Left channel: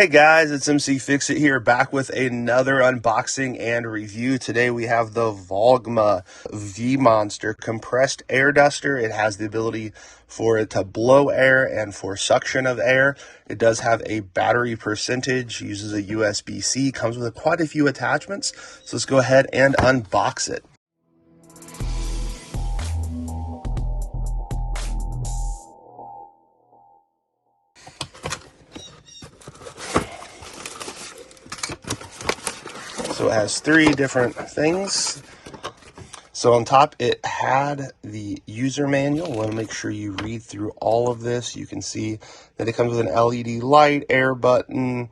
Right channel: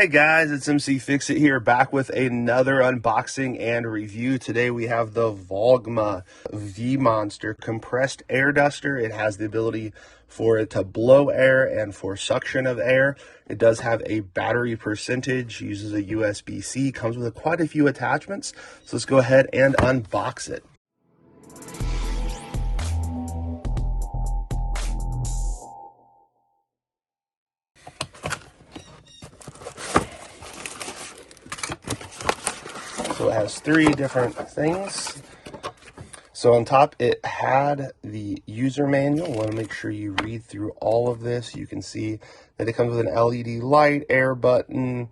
Hey guys, it's mcfixit here, back with another unboxing and review. Today we have the Vogma V-Monster compressed air duster. It has the ability for it to blow air and for suction of air. It does have a battery percentage, uses a USB-C, comes with quite a few attachments. So let's go ahead and unbox it. So it has three different things. So on top, it had the user manual. You want to make sure you read through all of this. You can see that it comes with an LED light, air button,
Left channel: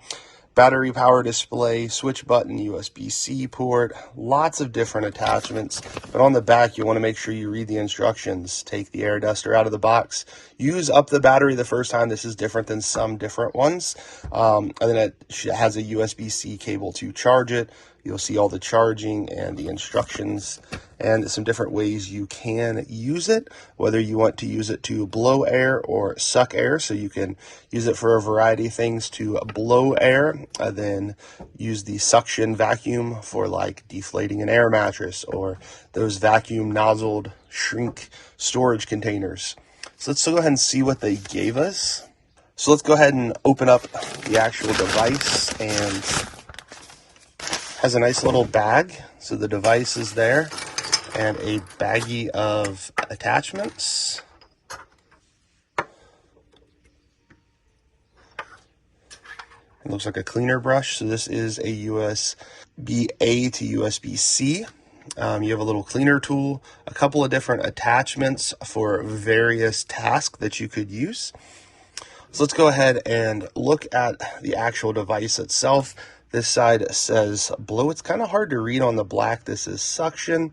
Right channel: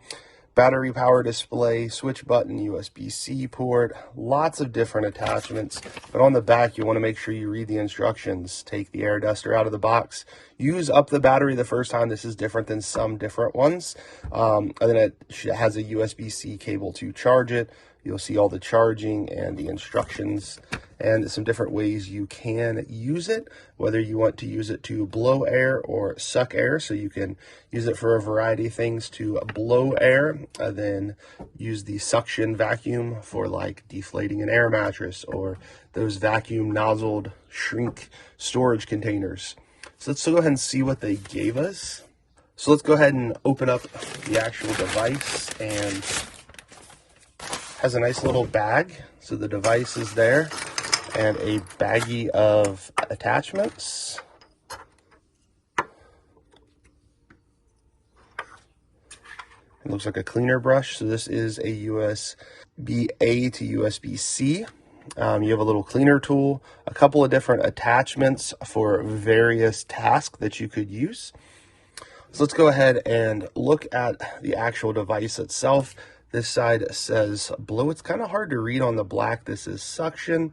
battery power display, switch button, USB-C port, lots of different attachments. But on the back, you want to make sure you read the instructions. Take the air duster out of the box. Use up the battery the first time. This is different than some different ones. And then it has a USB-C cable to charge it. You'll see all the charging and the instructions and some different ways you can use it, whether you want to use it to blow air or suck air. So you can use it for a variety of things to blow air, then use the suction vacuum for like deflating an air mattress or those vacuum nozzled shrink storage containers. So let's go ahead and see what they gave us. So let's go ahead and open up the actual device, and has a nice little bag. So the device is there and a baggie of attachments. It looks like a cleaner brush. So this is a USB-A to USB-C. You have a little cleaner tool, a couple of different attachments for various tasks that you could use. So let's go ahead and look at the actual device itself. This side says blow. It's kind of hard to read on the black. This is suction.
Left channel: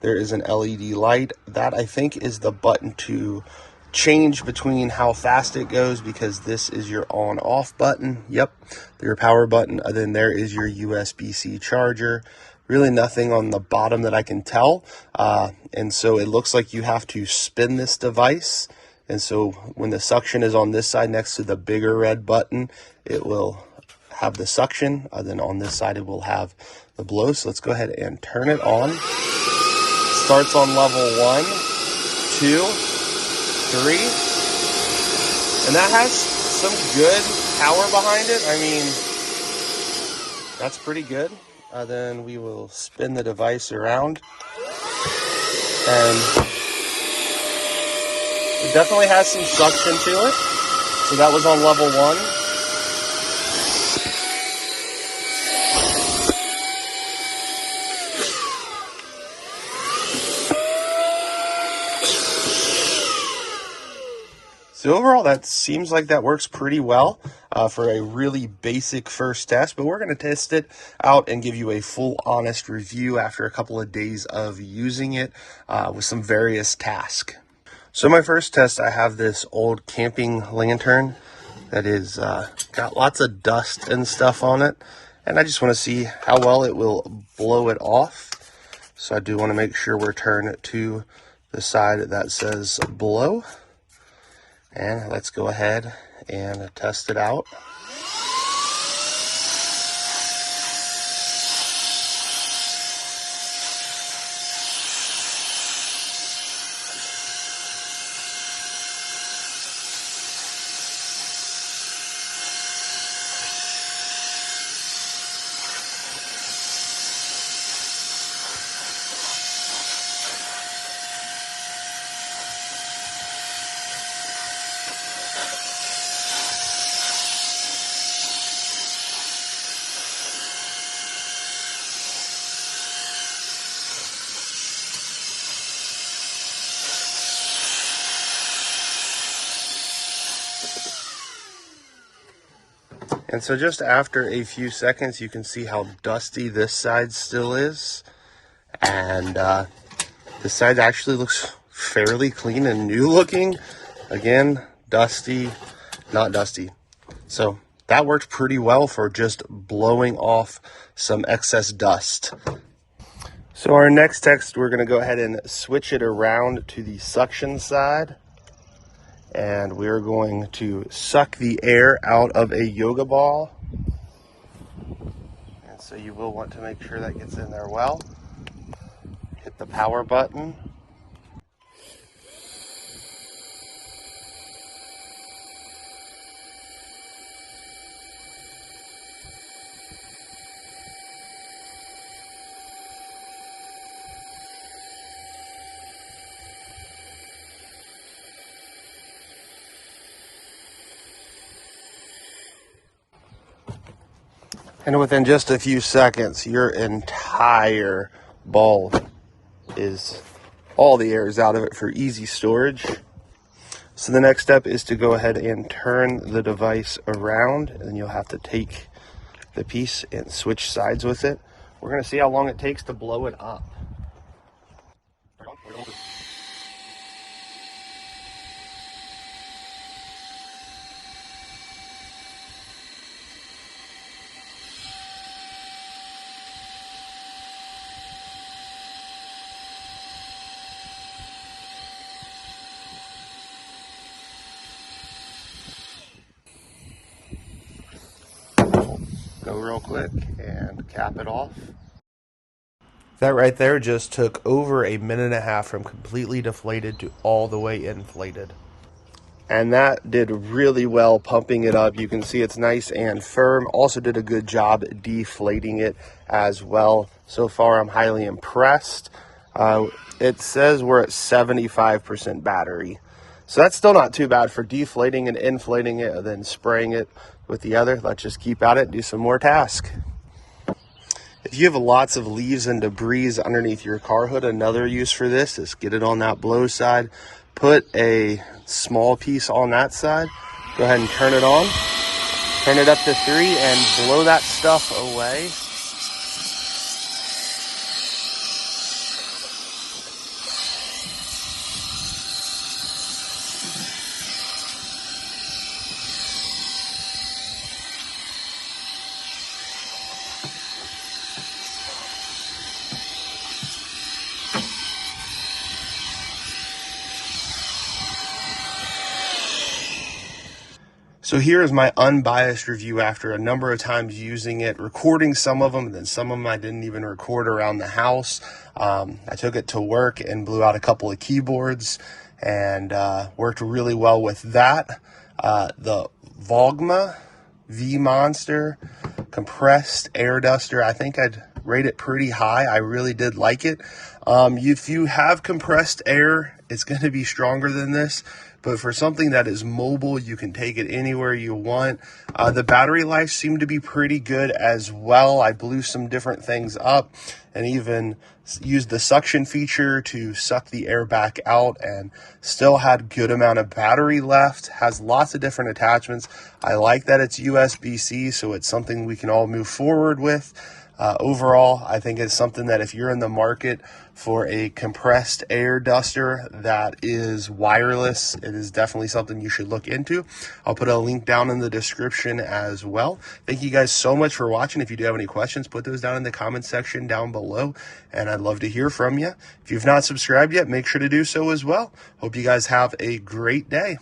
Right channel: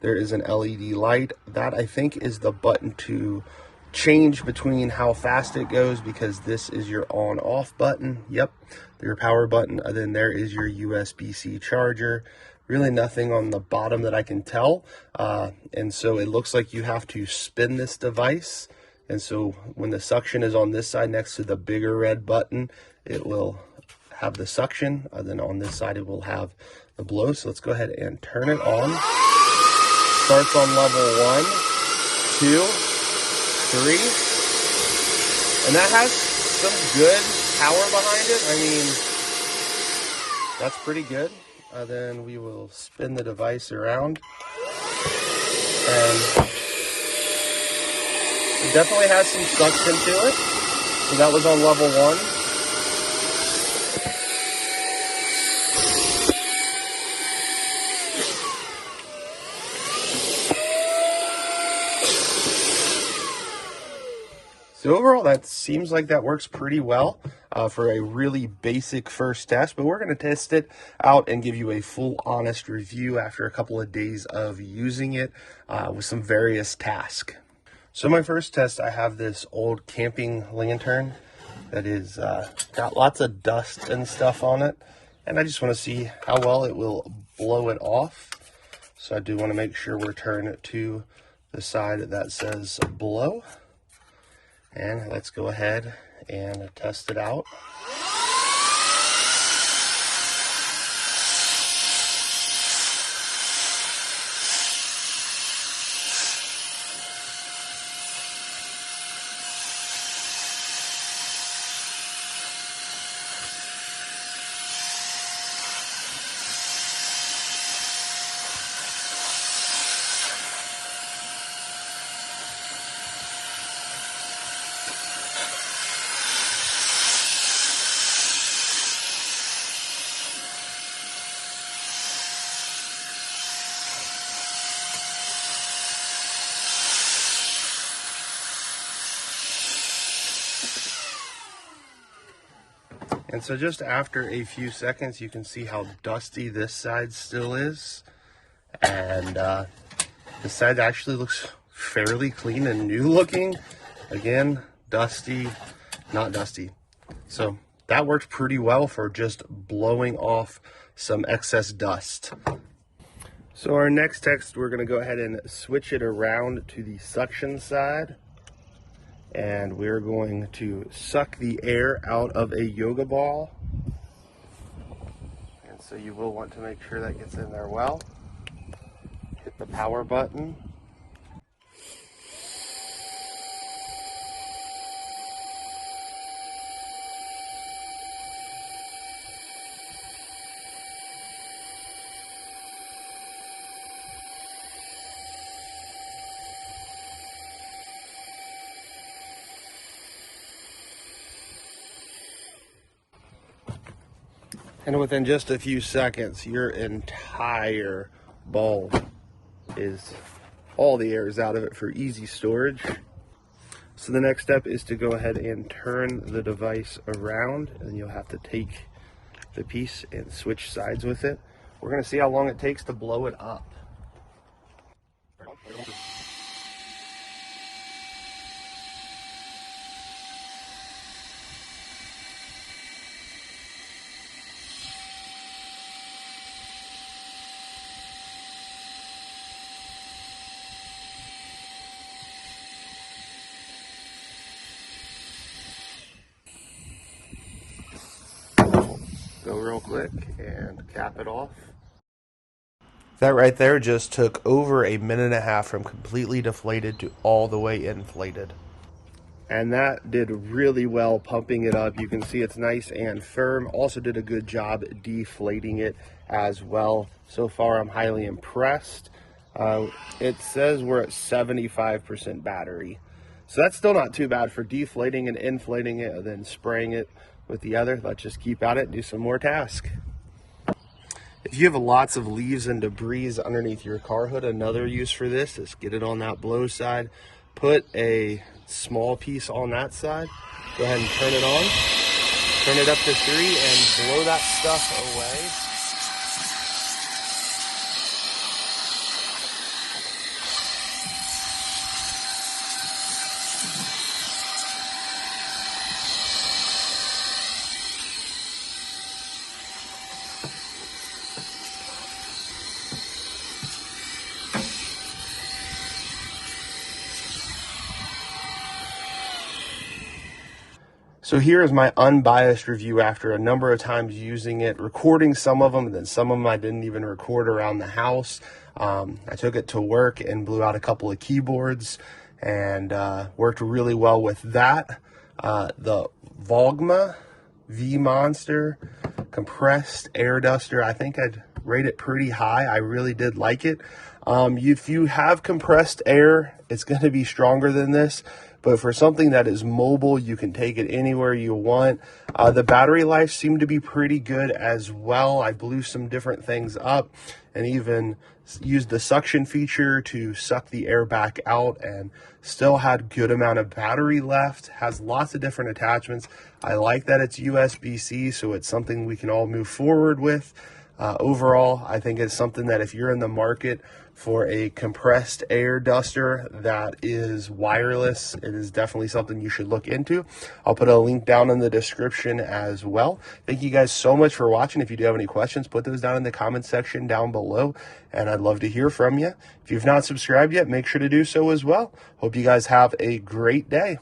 There is an LED light. That, I think, is the button to change between how fast it goes, because this is your on-off button. Yep, your power button. And then there is your USB-C charger. Really nothing on the bottom that I can tell. And so it looks like you have to spin this device. And so when the suction is on this side next to the bigger red button, it will have the suction. Then on this side it will have the blow. So let's go ahead and turn it on. Starts on level 1, 2, 3, and that has some good power behind it. I mean, that's pretty good. Then we will spin the device around, and it definitely has some suction to it. So that was on level 1. So overall, that seems like that works pretty well for a really basic first test, but we're going to test it out and give you a full honest review after a couple of days of using it with some various tasks. So my first test, I have this old camping lantern that is got lots of dust and stuff on it, and I just want to see how well it will blow it off. So I do want to make sure we're turned to the side that says blow. And let's go ahead and test it out. And so just after a few seconds, you can see how dusty this side still is. And this side actually looks fairly clean and new looking. Again, dusty, not dusty. So that worked pretty well for just blowing off some excess dust. So our next test, we're gonna go ahead and switch it around to the suction side. And we're going to suck the air out of a yoga ball. And so you will want to make sure that gets in there well. Hit the power button. And within just a few seconds, your entire ball is, all the air is out of it for easy storage. So the next step is to go ahead and turn the device around, and you'll have to take the piece and switch sides with it. We're going to see how long it takes to blow it up. Go real quick and cap it off. That right there just took over a minute and a half from completely deflated to all the way inflated. And that did really well pumping it up. You can see it's nice and firm. Also did a good job deflating it as well. So far, I'm highly impressed. It says we're at 75% battery. So that's still not too bad for deflating and inflating it and then spraying it with the other. Let's just keep at it and do some more tasks. If you have lots of leaves and debris underneath your car hood, another use for this is get it on that blow side. Put a small piece on that side. Go ahead and turn it on. Turn it up to 3 and blow that stuff away. So here is my unbiased review after a number of times using it, recording some of them, and then some of them I didn't even record around the house. I took it to work and blew out a couple of keyboards and worked really well with that. The Vogma V-Monster compressed air duster, I think I'd rate it pretty high. I really did like it. If you have compressed air, it's going to be stronger than this. But for something that is mobile, you can take it anywhere you want. The battery life seemed to be pretty good as well. I blew some different things up and even used the suction feature to suck the air back out and still had good amount of battery left. Has lots of different attachments. I like that it's USB-C, so it's something we can all move forward with. Overall, I think it's something that if you're in the market for a compressed air duster that is wireless, it is definitely something you should look into. I'll put a link down in the description as well. Thank you guys so much for watching. If you do have any questions, put those down in the comment section down below, and I'd love to hear from you. If you've not subscribed yet, make sure to do so as well. Hope you guys have a great day.